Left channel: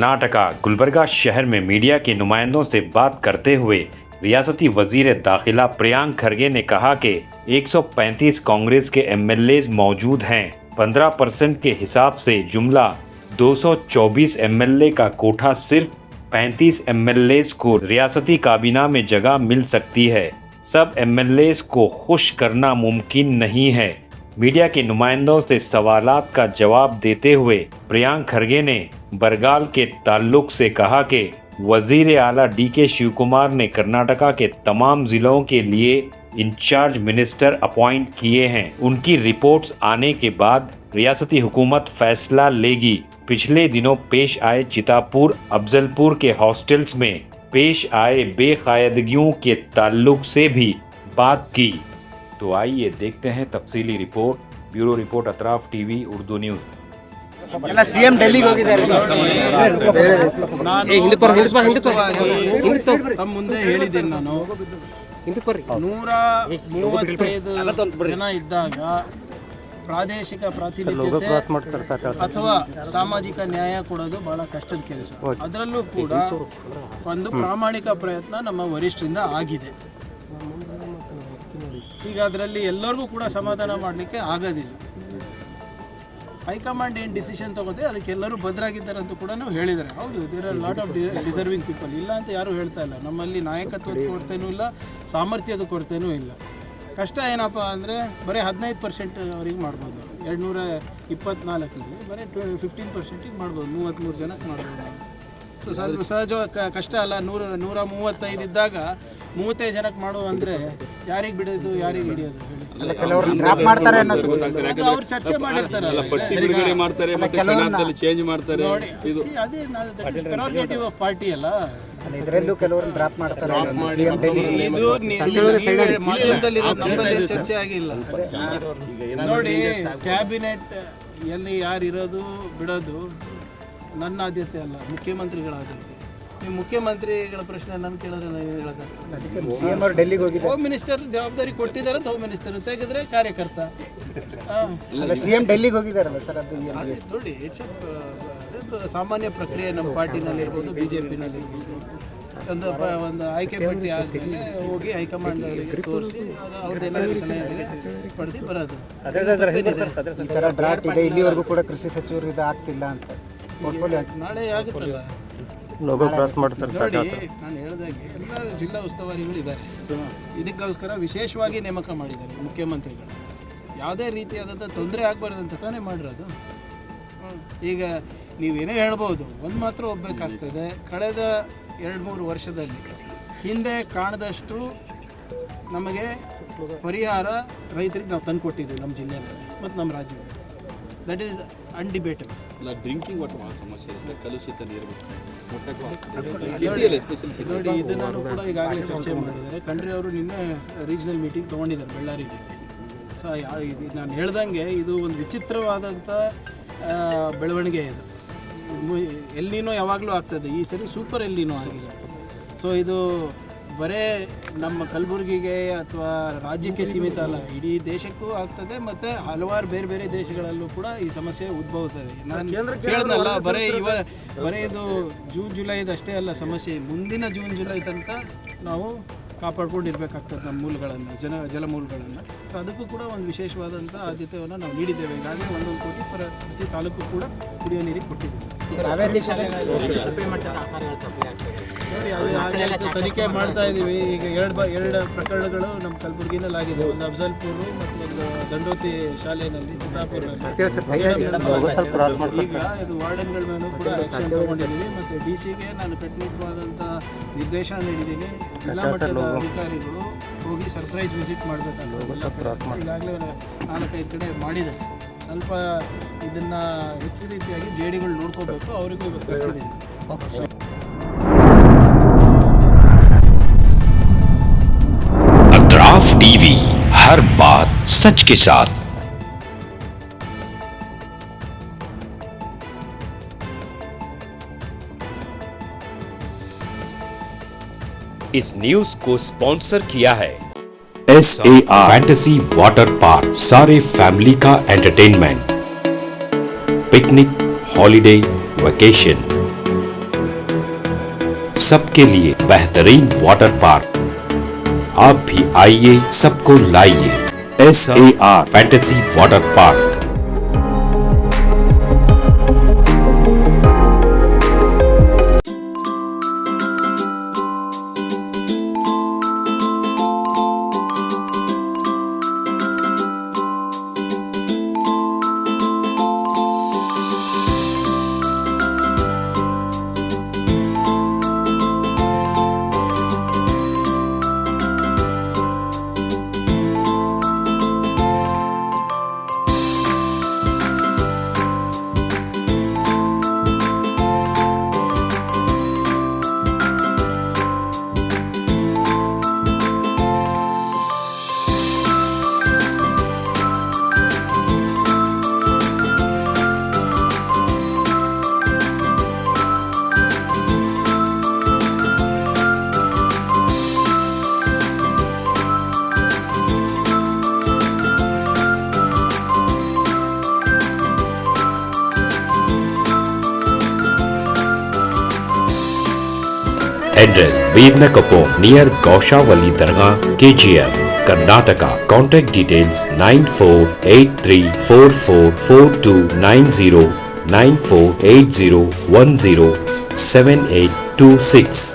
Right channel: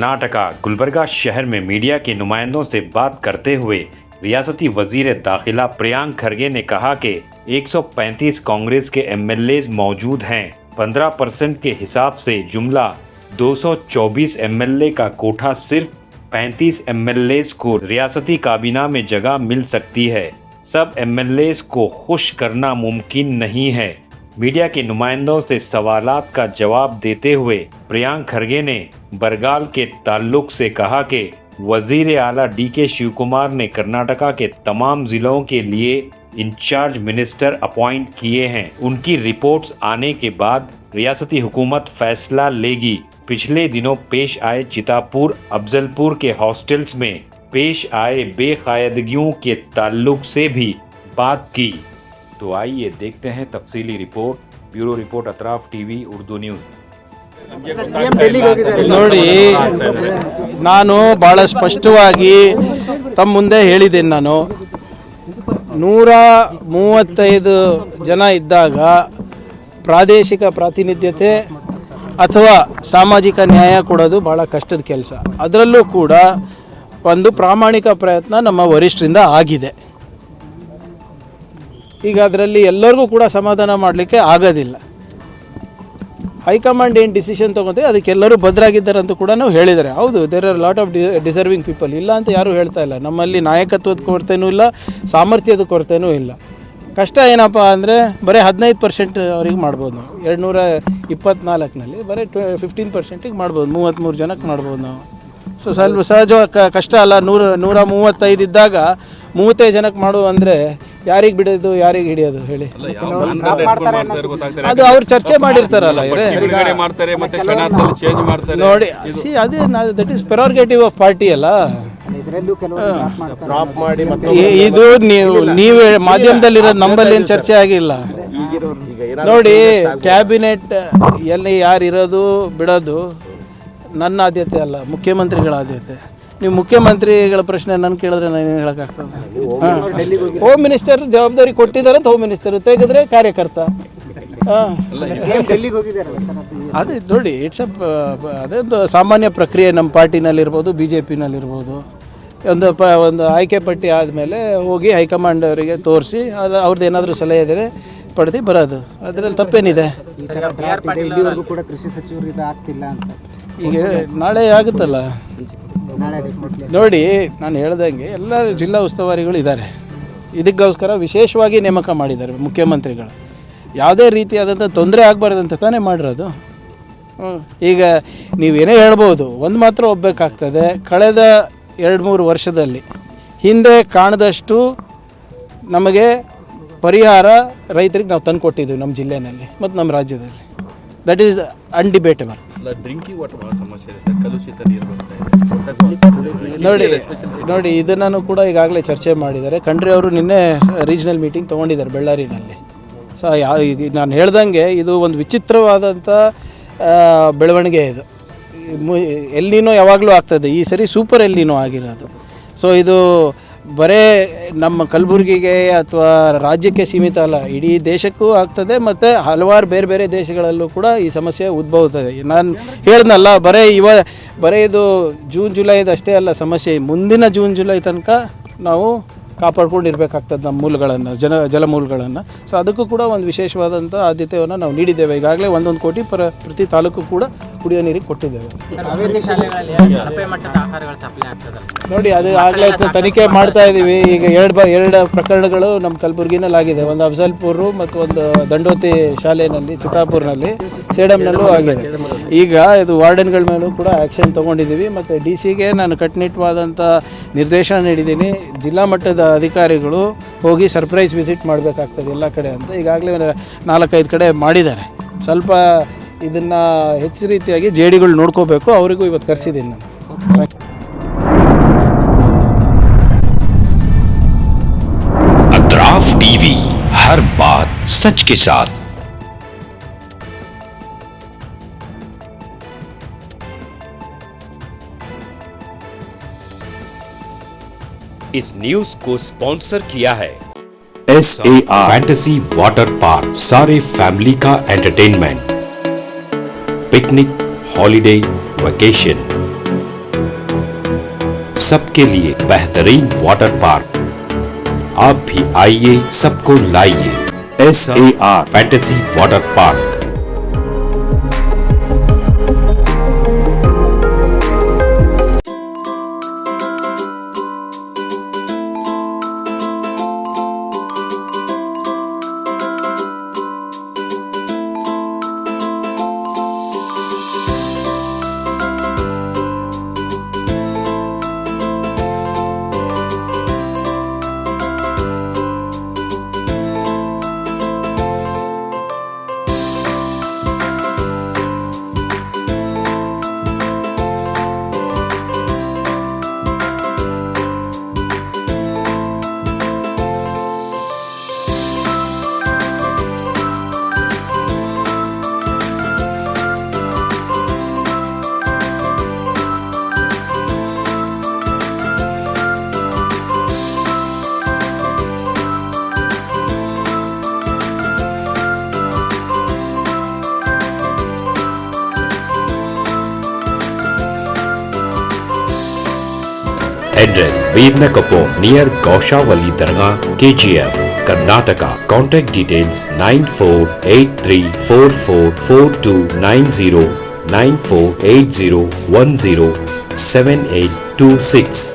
कर्नाटका गुलबर्गा शहर में मीडिया के नुमाइंदों से बात करते हुए रियासती वजीर दाखिला प्रियांक खरगे ने कहा कि 135 कांग्रेस के एमएलए मौजूद हैं। 15% के हिसाब से जुमला 224 एमएलए का कोठा सिर्फ 35 एमएलए को रियासती काबीना में जगह मिल सकती है। सब एमएलए को खुश करना मुमकिन नहीं है। मीडिया के नुमाइंदों से सवालात का जवाब देते हुए प्रियांक खरगे ने बरगाल के ताल्लुक से कहा कि वजीर आला डीके शिवकुमार ने कर्नाटका के तमाम जिलों के लिए इंचार्ज मिनिस्टर अपॉइंट किए हैं। उनकी रिपोर्ट्स आने के बाद रियासती हुकूमत फैसला लेगी। पिछले दिनों पेश आए चितापुर अफजलपुर के हॉस्टल्स में पेश आए बेकायदगियों के ताल्लुक से भी बात की। तो आइए देखते हैं तफसीली report. Bureau report Atraf TV Urdu news. ನೋಡಿ, ನಾನು ಬಹಳ ಸ್ಪಷ್ಟವಾಗಿ ತಮ್ಮ ಮುಂದೆ ಹೇಳಿದ್ದೇನೆ. ನಾನು 135 ಜನ ಇದ್ದಾಗ ಪ್ರಾದೇಶಿಕ ಪ್ರಾತಿನಿಧ್ಯತೆ ಅಥವಾ ಸಾಮಾಜಿಕ ನ್ಯಾಯ ಕೊಡೋದು ಬಹಳ ಕಷ್ಟದ ಕೆಲಸ. ಅದರಲ್ಲೂ ಕೂಡ ಒಂದು ಪ್ರಾಮಾಣಿಕ ಪ್ರಯತ್ನ ನಮ್ಮ ವರಿಷ್ಠರಿಂದ ಆಗಿದೆ. ಈಗ ಅದರಲ್ಲಿ ಎಲ್ಲರಿಗೂ ಕೂಡ ಸಮಾಧಾನ ಮಾಡಲಿಕ್ಕೆ ಆಗೋದಿಲ್ಲ. ಹೈಕಮಾಂಡ್ ಏನು ಡಿಸಿಷನ್ ತೊಗೊಳ್ತೀವಿ ಅದಕ್ಕೆಲ್ಲರೂ ಬದ್ಧರಾಗಿದ್ದಾರೆ ಅಂತ ಕೂಡ ಹೇಳಿದ್ದಾರೆ. ಹೌದು, there are lot of deserving people, ಇಲ್ಲ ಅಂತ ಯಾರೂ ಹೇಳ್ತಾ ಇಲ್ಲ. ನಮ್ಮಲ್ಲಿ ನಾಯಕತ್ವದ ಕೊರತೆನೂ ಇಲ್ಲ, ಸಾಮರ್ಥ್ಯದ ಕೊರತೆನೂ ಇಲ್ಲ. ಕಷ್ಟ ಏನಪ್ಪ ಅಂದರೆ ಬರೀ 15% ಅವ್ರಿಗೆ ಮಾಡ್ಬೋದು ನಾವು. 224ನಲ್ಲಿ ಬರೀ 15%ಗೆ ಮಾಡ್ಬೋದು, 33 ಜನಕ್ಕೆ ಮಾಡ್ಬೋದು ನಾವು. ಸೊ ಸ್ವಲ್ಪ ಸಹಜವಾಗಿ ಕಷ್ಟ ಅಲ್ಲ. 135 ಇದ್ದಾಗ 35 ಜನಕ್ಕೆ ಮಾಡು ಅಂದರೆ ಯಾರಿಗೆ ಬಿಡೋದು, ಯಾರಿಗೆ ಹಿಡಿಯೋದು ಹೇಳಿ? ಅದು ಅವ್ರು ಚರ್ಚೆ ಮಾಡಿರ್ತಾರಲ್ಲ. ನೋಡಿ, ಅದೇ ದಟ್ ಈಸ್ ಪ್ರೆರೋಗೇಟಿವ್ ಆಫ್ ಪಾರ್ಟಿ ಅಲ್ಲ. ಇದು ನೀವು ಮಾಧ್ಯಮದಲ್ಲಿರೋದು, ನಂಬಲ್ಲಿ ಏನು ಚರ್ಚೆ ಆಗಿಲ್ಲ. ನೋಡಿ, ಕ್ಯಾಬಿನೆಟ್ ಎಲ್ಲಿ ಯಾರು ಇರೋದು ಬಿಡೋದು ನನ್ನ ಆದ್ಯತೆ ಅಲ್ಲ, ಮುಖ್ಯಮಂತ್ರಿಗಳ ಆದ್ಯತೆ. ನೀವು ಮುಖ್ಯಮಂತ್ರಿಗಳ ಪ್ರಶ್ನೆ ನಾನು ಕೇಳಿದ್ರೆ ನಾನು ಹೇಳೋಕ್ಕಾಗ್ತದೆ? ಹೋಮ್ ಮಿನಿಸ್ಟರ್ ಜವಾಬ್ದಾರಿ ಕೊಟ್ಟಿದ್ದಾರೆ ಅಂತ ಹೋಮ್ ಮಿನಿಸ್ಟರ್ ತೆಗೆದ್ರೆ ಕಾರ್ಯಕರ್ತ. ಅದೇ ನೋಡಿ, ಇಟ್ಸ್ ಅದೊಂದು ಸಾಮಾನ್ಯ ಪ್ರಕ್ರಿಯೆ. ನಮ್ಮ ಪಾರ್ಟಿನಲ್ಲಿರ್ಬೋದು, BJPನಲ್ಲಿರ್ಬೋದು, ಒಂದು ಆಯ್ಕೆ ಪಟ್ಟಿ ಆದಮೇಲೆ ಹೋಗಿ ಹೈಕಮಾಂಡ್ ಅವರಿಗೆ ತೋರಿಸಿ ಅವ್ರದ್ದು ಏನಾದರೂ ಸಲಹೆ ಇದ್ದರೆ ಪಡೆದು ಬರೋದು. ಅದರಲ್ಲಿ ತಪ್ಪೇನಿದೆ? ಕೂಡ ಕೃಷಿ ಸಚಿವರಿಗೆ ಆಗ್ತಿಲ್ಲ ಅಂತ ಈಗ ನಾಳೆ ಆಗುತ್ತಲ್ಲ. ನೋಡಿ, ನಾನು ಹೇಳ್ದಂಗೆ ಎಲ್ಲ ಜಿಲ್ಲಾ ಉಸ್ತುವಾರಿಗಳು ಇದ್ದಾರೆ. ಇದಕ್ಕೋಸ್ಕರ ವಿಶೇಷವಾಗಿ ನೇಮಕ ಮಾಡಿದ್ದಾರೆ ಮುಖ್ಯಮಂತ್ರಿಗಳು. ಯಾವುದೇ ರೀತಿಯಾದಂಥ ತೊಂದರೆ ಆಗಬಾರ್ದಂತ ತಾನೇ ಮಾಡಿರೋದು. ಈಗ ನೀವೇನೇ ಹೇಳ್ಬೋದು, ಒಂದು ಮಾತ್ರ ಒಪ್ಪಬೇಕಾಗ್ತದೆ, ಕಳೆದ 2-3 ವರ್ಷದಲ್ಲಿ ಹಿಂದೆ ಕಾಣದಷ್ಟು ನಮಗೆ ಪರಿಹಾರ ರೈತರಿಗೆ ನಾವು ತಂದು ಕೊಟ್ಟಿದ್ದೀವಿ ನಮ್ಮ ಜಿಲ್ಲೆಯಲ್ಲಿ ಮತ್ತು ನಮ್ಮ ರಾಜ್ಯದಲ್ಲಿ. That is undebatable. ನೋಡಿ, ಇದನ್ನು ಕೂಡ ಈಗಾಗಲೇ ಚರ್ಚೆ ಮಾಡಿದ್ದಾರೆ. ಖಂಡ್ರೆ ಅವರು ನಿನ್ನೆ ರೀಜ್ನಲ್ ಮೀಟಿಂಗ್ ತೊಗೊಂಡಿದ್ದಾರೆ ಬೆಳ್ಳಾರಿನಲ್ಲಿ. ಸೊ ನಾನು ಹೇಳ್ದಂಗೆ ಇದು ಒಂದು ವಿಚಿತ್ರವಾದಂಥ ಬೆಳವಣಿಗೆ. ಇದು ಎಲ್ಲಿನೋ ಯಾವಾಗಲೂ ಆಗ್ತದೆ, ಈ ಸರಿ ಸೂಪರ್ ಎಲ್ಲಿನೋ ಆಗಿರೋದು. ಸೊ ಇದು ಬರೇ ನಮ್ಮ ಕಲಬುರಗಿಗೆ ಅಥವಾ ರಾಜ್ಯಕ್ಕೆ ಸೀಮಿತ ಅಲ್ಲ, ಇಡೀ ದೇಶಕ್ಕೂ ಆಗ್ತದೆ. ಮತ್ತು ಹಲವಾರು ಬೇರೆ ಬೇರೆ ದೇಶಗಳಲ್ಲೂ ಕೂಡ ಈ ಸಮಸ್ಯೆ ಉದ್ಭವಿಸ್ತದೆ. ನಾನು ಹೇಳಿದ್ನಲ್ಲ, ಬರೀ ಇದು ಜೂನ್ ಜುಲೈದು ಅಷ್ಟೇ ಅಲ್ಲ ಸಮಸ್ಯೆ. ಮುಂದಿನ ಜೂನ್ ಜುಲೈ ತನಕ ನಾವು ಕಾಪಾಡ್ಕೊಂಡಿರ್ಬೇಕಾಗ್ತದೆ ನಮ್ಮ ಮೂಲಗಳನ್ನು, ಜಲಮೂಲಗಳನ್ನು. ಸೊ ಅದಕ್ಕೂ ಕೂಡ ಒಂದು ವಿಶೇಷವಾದಂಥ ಆದ್ಯತೆಯನ್ನು ನಾವು ನೀಡಿದ್ದೇವೆ. ಈಗಾಗಲೇ 1 ಕೋಟಿ ಪ್ರತಿ ತಾಲೂಕು ಕೂಡ ಕುಡಿಯೋ ನೀರಿಗೆ ಕೊಟ್ಟಿದ್ದೇವೆ. ನೋಡಿ, ಅದು ಆಗಲೇ ತನಿಖೆ ಮಾಡ್ತಾ ಇದ್ದೀವಿ. ಈಗ ಎರಡು ಪ್ರಕರಣಗಳು ನಮ್ಮ ಕಲಬುರಗಿನಲ್ಲಿ ಆಗಿದೆ. ಒಂದು ಅಫಜಲ್ಪುರ ಮತ್ತು ಒಂದು ದಂಡೋತಿ ಶಾಲೆಯಲ್ಲಿ, ಚಿತಾಪುರ್ನಲ್ಲಿ, ಸೇಡಂನಲ್ಲೂ ಆಗಿದೆ. ಈಗ ಇದು ವಾರ್ಡನ್ಗಳ ಮೇಲೂ ಕೂಡ ಆ್ಯಕ್ಷನ್ ತೊಗೊಂಡಿದ್ದೀವಿ. ಮತ್ತು DC ನಾನು ಕಟ್ಟುನಿಟ್ಟವಾದಂಥ ನಿರ್ದೇಶನ ನೀಡಿದ್ದೀನಿ. ಜಿಲ್ಲಾ ಮಟ್ಟದ ಅಧಿಕಾರಿಗಳು ಹೋಗಿ ಸರ್ಪ್ರೈಸ್ ವಿಸಿಟ್ ಮಾಡಬೇಕಾಗ್ತದೆ ಎಲ್ಲ ಕಡೆ ಅಂತ ಈಗಾಗಲೇ 4-5 ಕಡೆ ಮಾಡಿದ್ದಾರೆ. ಸ್ವಲ್ಪ ಇದನ್ನು ಹೆಚ್ಚು ರೀತಿಯಾಗಿ ಜೇಡಿಗಳು ನೋಡ್ಕೋಬೇಕು. ಅವರಿಗೂ ಇವತ್ತು ಕರೆಸಿದ್ದೀನಿ ನಾನು. अतराफ टीवी, हर बात सच के साथ। इस न्यूज को स्पॉन्सर किया है SAR फैंटेसी वाटर पार्क, सारे फैमिली का एंटरटेनमेंट, पिकनिक, हॉलिडे, वेकेशन। सबके लिए बेहतरीन वाटर पार्क। आप भी आइए, सबको लाइए। SAR fantasy water park. Address Veernakapom near Gaushavali Dargah, KGF, Karnataka. Contact details 9483444290 9480107826.